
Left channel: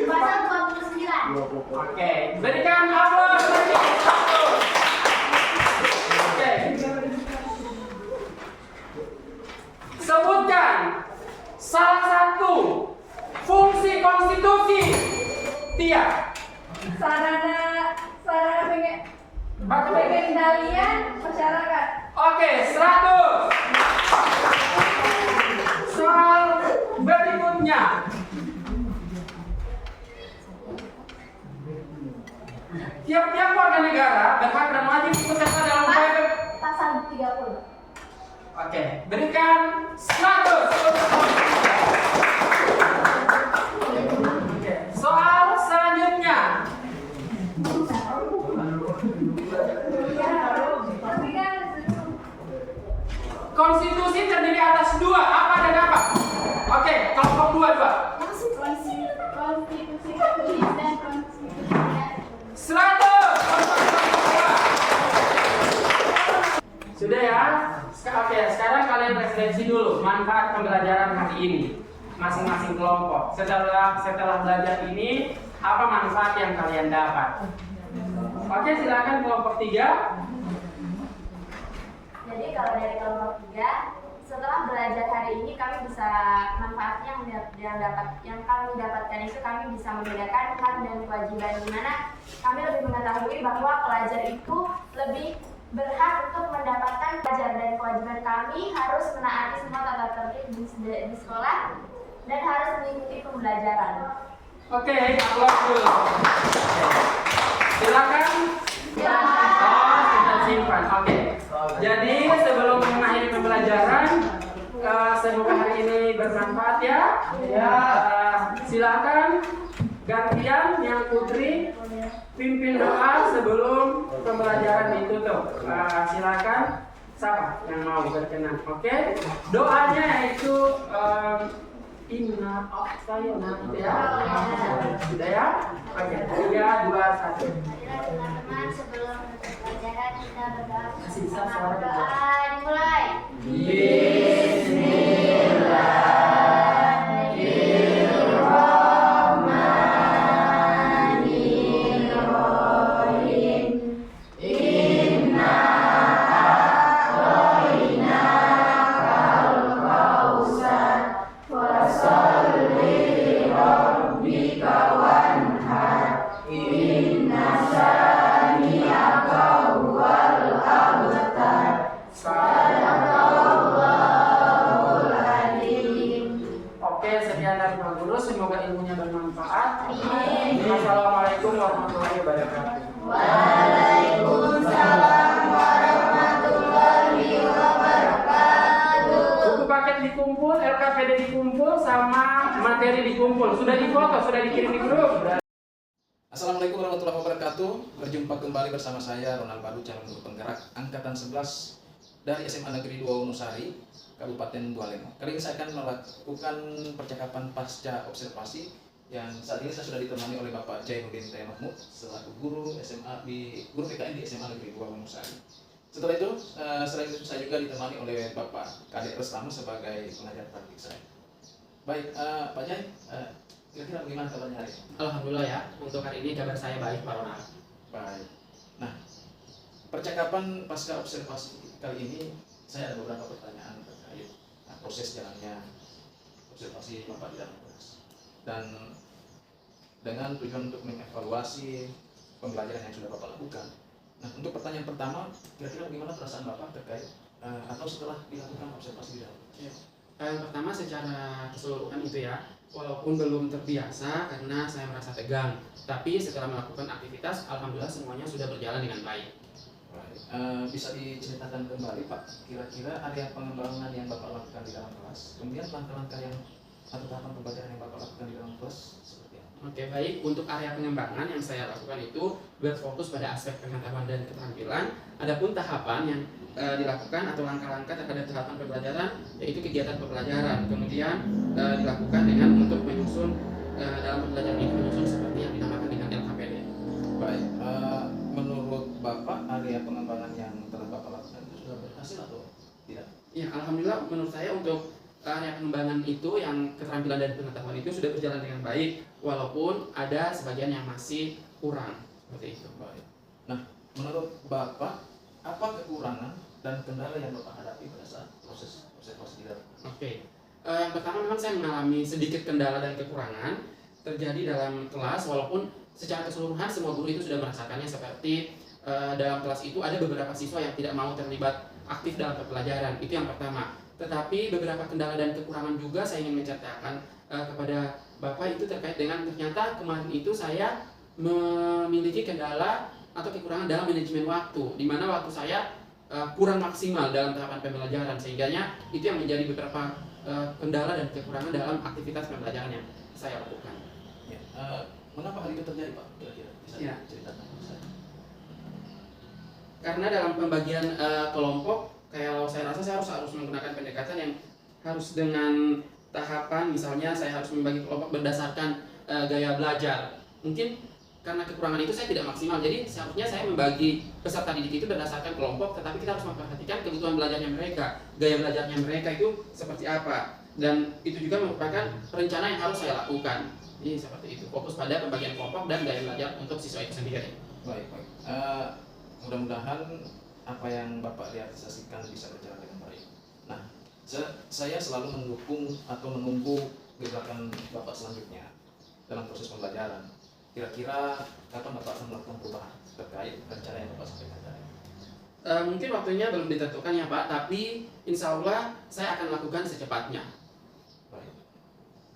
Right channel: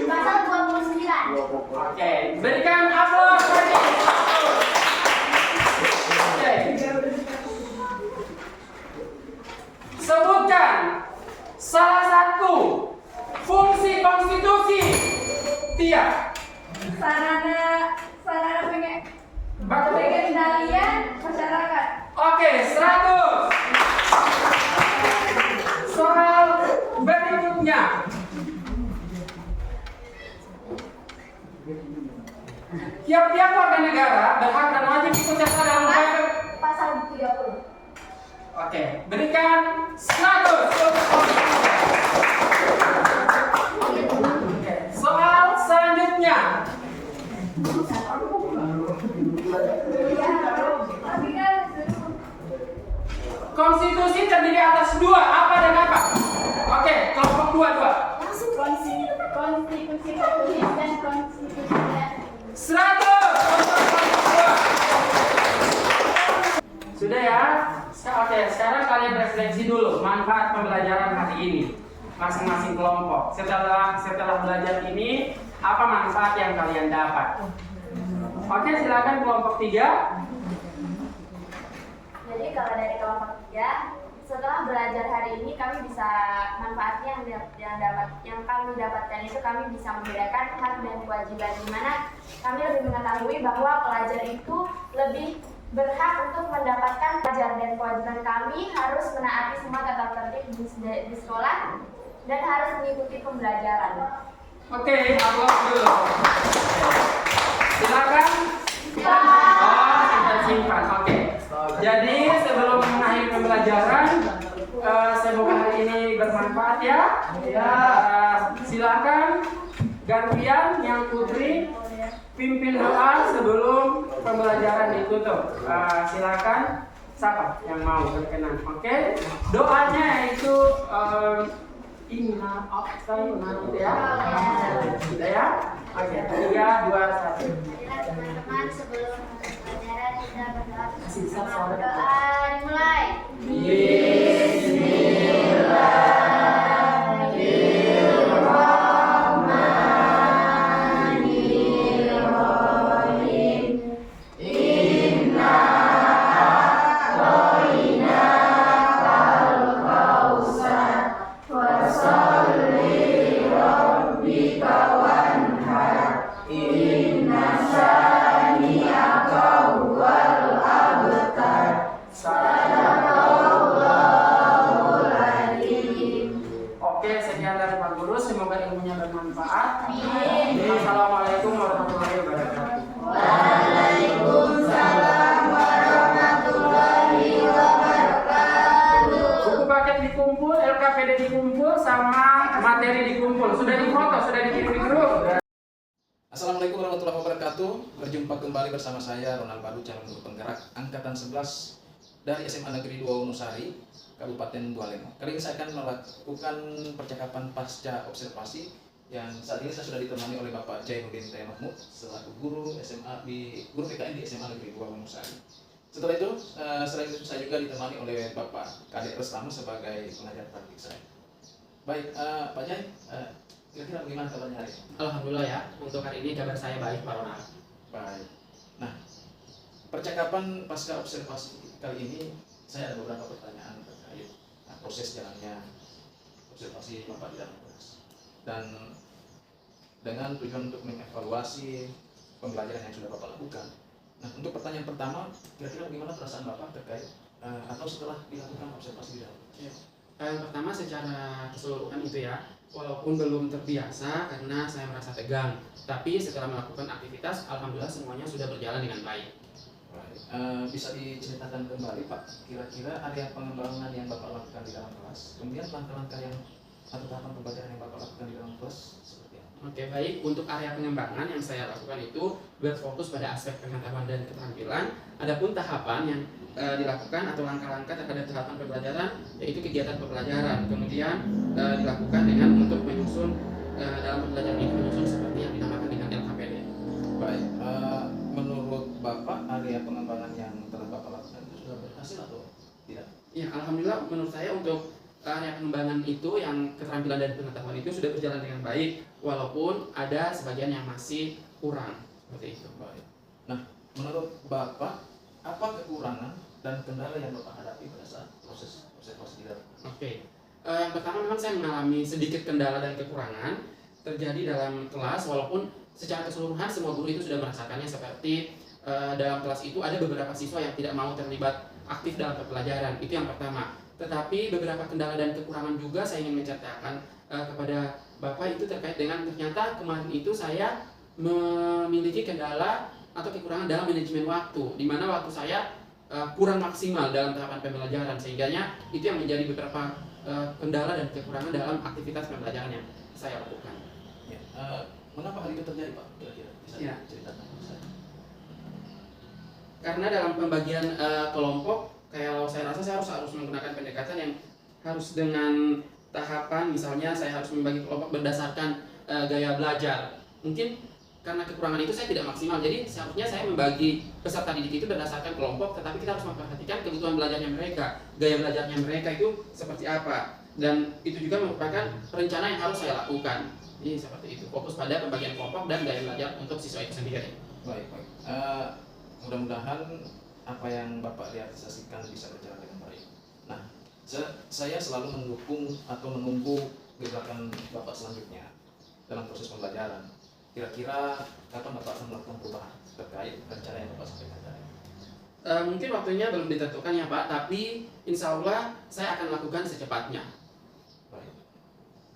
Pasal 29. Oke, berikan aplaus bagi Fatul. Oke. Sebutkan salah satu fungsi konstitusi. Tia. sarana Baca baik. pengendalian masyarakat. Oke, 100. Soal berikutnya. Tiap-tiap warga negara berhak dan wajib ikut serta dalam upaya. Pasal 30. Oke, berikan 100. Oke, soal selanjutnya. Konstitusi terdiri atas 2, apa dan apa? Oke, kelompok 2. Konstitusi tertulis dan konstitusi 100. Sudah ya? Oke, sekarang kalian refleksi dulu manfaat pembelajaran hari ini masing-masing kelompok. Setelah belajar ini, apa manfaat yang kalian dapat? Oke, silakan kelompok 3. Jadi kalau dari kelompok 3, setelah belajar hari ini kami bisa manfaatnya yang kami dapatkan itu kami bisa membedakan hak dan kewajiban, di mana kami lebih mengetahui bahwa pelajar itu lebih berhak untuk mendapatkan pelajaran, dan kewajiban kami harus menaati semua tata tertib di sekolah dan harus mengikuti pembelajaran. Oke, aplaus dulu. Silakan. Simpan. Oke. Jadi sebelum mengakhiri pembelajaran, semoga hari ini bermanfaat ya. Silakan gantian yang putri pimpin doa sebelum pembelajaran ditutup. Silakan siapa yang mau berkenan. Oke. Doanya yaitu Inna A'tayna ya. Sudah ya? Oke. 3, 2, 1. Marilah teman-teman, sebelum masuk pelajaran kita berdoa bersama. Doa dimulai. Oke, sekian dari Pak Guru. Semoga ilmunya bermanfaat. Assalamualaikum warahmatullahi wabarakatuh. Buku paket dikumpul, LKPD dikumpul, sama materi dikumpul. Sudah difoto, sudah dikirim di grup. Assalamualaikum warahmatullahi wabarakatuh. Berjumpa kembali bersama saya Ronald Badu, calon guru penggerak angkatan 11 dari SMA Negeri 2 Wonosari, Kabupaten Bualemo. Kali ini saya akan melakukan percakapan pasca observasi yang saat ini saya sudah ditemani oleh Bapak Jainuddin T. Mahmud selaku guru guru PKN di SMA Negeri 2 Wonosari. Setelah itu, selain itu saya juga ditemani oleh Bapak Kadek Restamu sebagai pengajar praktik saya. Baik, Pak Jai, kira-kira bagaimana kabarnya hari ini? Alhamdulillah ya, untuk hari ini kabar saya baik, Pak Ronald. Baik. Nah, percakapan pasca observasi kali ini saya ada beberapa pertanyaan terkait proses jalannya observasi Bapak di dalam kelas dan dengan tujuan untuk mengevaluasi pembelajaran yang sudah Bapak lakukan. Nah, untuk pertanyaan pertama, kira-kira bagaimana perasaan Bapak terkait atau setelah dilakukan observasi di dalam? Yang pertama secara keseluruhan itu ya, walaupun belum terbiasa karena saya merasa tegang, tapi setelah melakukan aktivitas, alhamdulillah semuanya sudah berjalan dengan baik. Baik. Bisa diceritakan kembali Pak, kira-kira area pengembangan yang Bapak lakukan di dalam kelas, kemudian langkah-langkah yang atau tahapan pembelajaran yang Bapak lakukan di dalam kelas seperti apa? Oke, baik. Untuk area pengembangan yang saya lakukan itu berfokus pada aspek pengetahuan dan keterampilan. Adapun tahapan yang dilakukan atau langkah-langkah terhadap tahapan pembelajaran yaitu kegiatan pembelajaran. Kemudian dilakukan dengan untuk menyusun dalam pembelajaran ini menyusun seperti yang dinamakan dengan LKPD. Baik, menurut Bapak area pengembangan yang telah Bapak lakukan itu sudah berhasil atau tidak? Ya, alhamdulillah menurut saya untuk area pengembangan itu yang keterampilan dan pengetahuan itu sudah berjalan dengan baik walaupun ada sebagian yang masih kurang seperti itu. Baik. Nah, menurut Bapak apa kekurangan dan kendala yang Bapak hadapi pada saat proses observasi di dalam? Oke. Yang pertama memang saya mengalami sedikit kendala dan kekurangan terjadi dalam kelas walaupun secara keseluruhan semua guru itu sudah merasakannya seperti dalam kelas itu ada beberapa siswa yang tidak mau terlibat aktif dalam pembelajaran. Itu yang pertama. Tetapi beberapa kendala dan kekurangan juga saya ingin menceritakan kepada Bapak itu terkait dengan ternyata kemarin itu saya memiliki kendala atau kekurangan dalam manajemen waktu, di mana waktu saya kurang maksimal dalam tahapan pembelajaran, sehingganya itu yang menjadi beberapa kendala dan kekurangan dalam aktivitas pembelajaran yang saya lakukan. Ya. Mengapa hal itu terjadi Pak? Kira-kira bisa Ya. diceritakan kepada saya? Karena dalam pembagian kelompok, kalau saya rasa saya harus menggunakan pendekatan yang harus dengan tahapan, misalnya saya harus membagi kelompok berdasarkan gaya belajar. Mungkin karena kekurangan itu saya tidak maksimal, jadi seharusnya saya membagi peserta didik itu berdasarkan kelompok, tetapi kita harus memperhatikan kebutuhan belajarnya mereka, gaya belajarnya mereka itu seperti apa, dan itu juga merupakan rencana yang harus saya lakukan. Jadi seperti itu, fokus pada pembagian kelompok dan gaya belajar untuk siswa itu sendiri. Baik, baik. Mudah-mudahan apa yang Bapak realisasikan bisa berjalan dengan baik. Nah, saya selalu mendukung atau menunggu gebrakan Bapak selanjutnya dalam proses pembelajaran. Kira-kira kapan Bapak akan melakukan perubahan terkait rencana yang Bapak sampaikan tadi? Mungkin waktunya belum ditentukan ya Pak, tapi insya Allah saya akan lakukan secepatnya. Baik.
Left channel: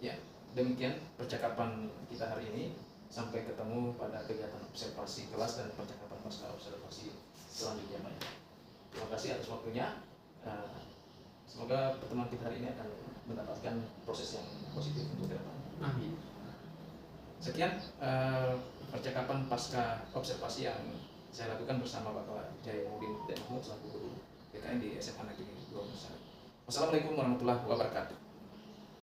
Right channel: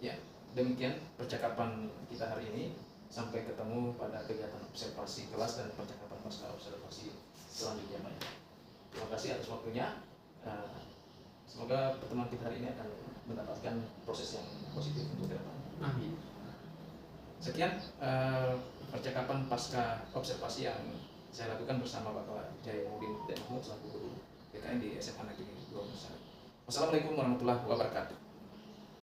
Ya, demikian percakapan kita hari ini. Sampai ketemu pada kegiatan observasi kelas dan percakapan pasca observasi selanjutnya Pak. Terima kasih atas waktunya. Semoga pertemuan kita hari ini akan mendapatkan proses yang positif untuk ke depan. Amin. Sekian percakapan pasca observasi yang saya lakukan bersama Bapak Jainuddin dan Mahmud selaku guru PKN di SMA Negeri 2 Besar. Wassalamualaikum warahmatullahi wabarakatuh.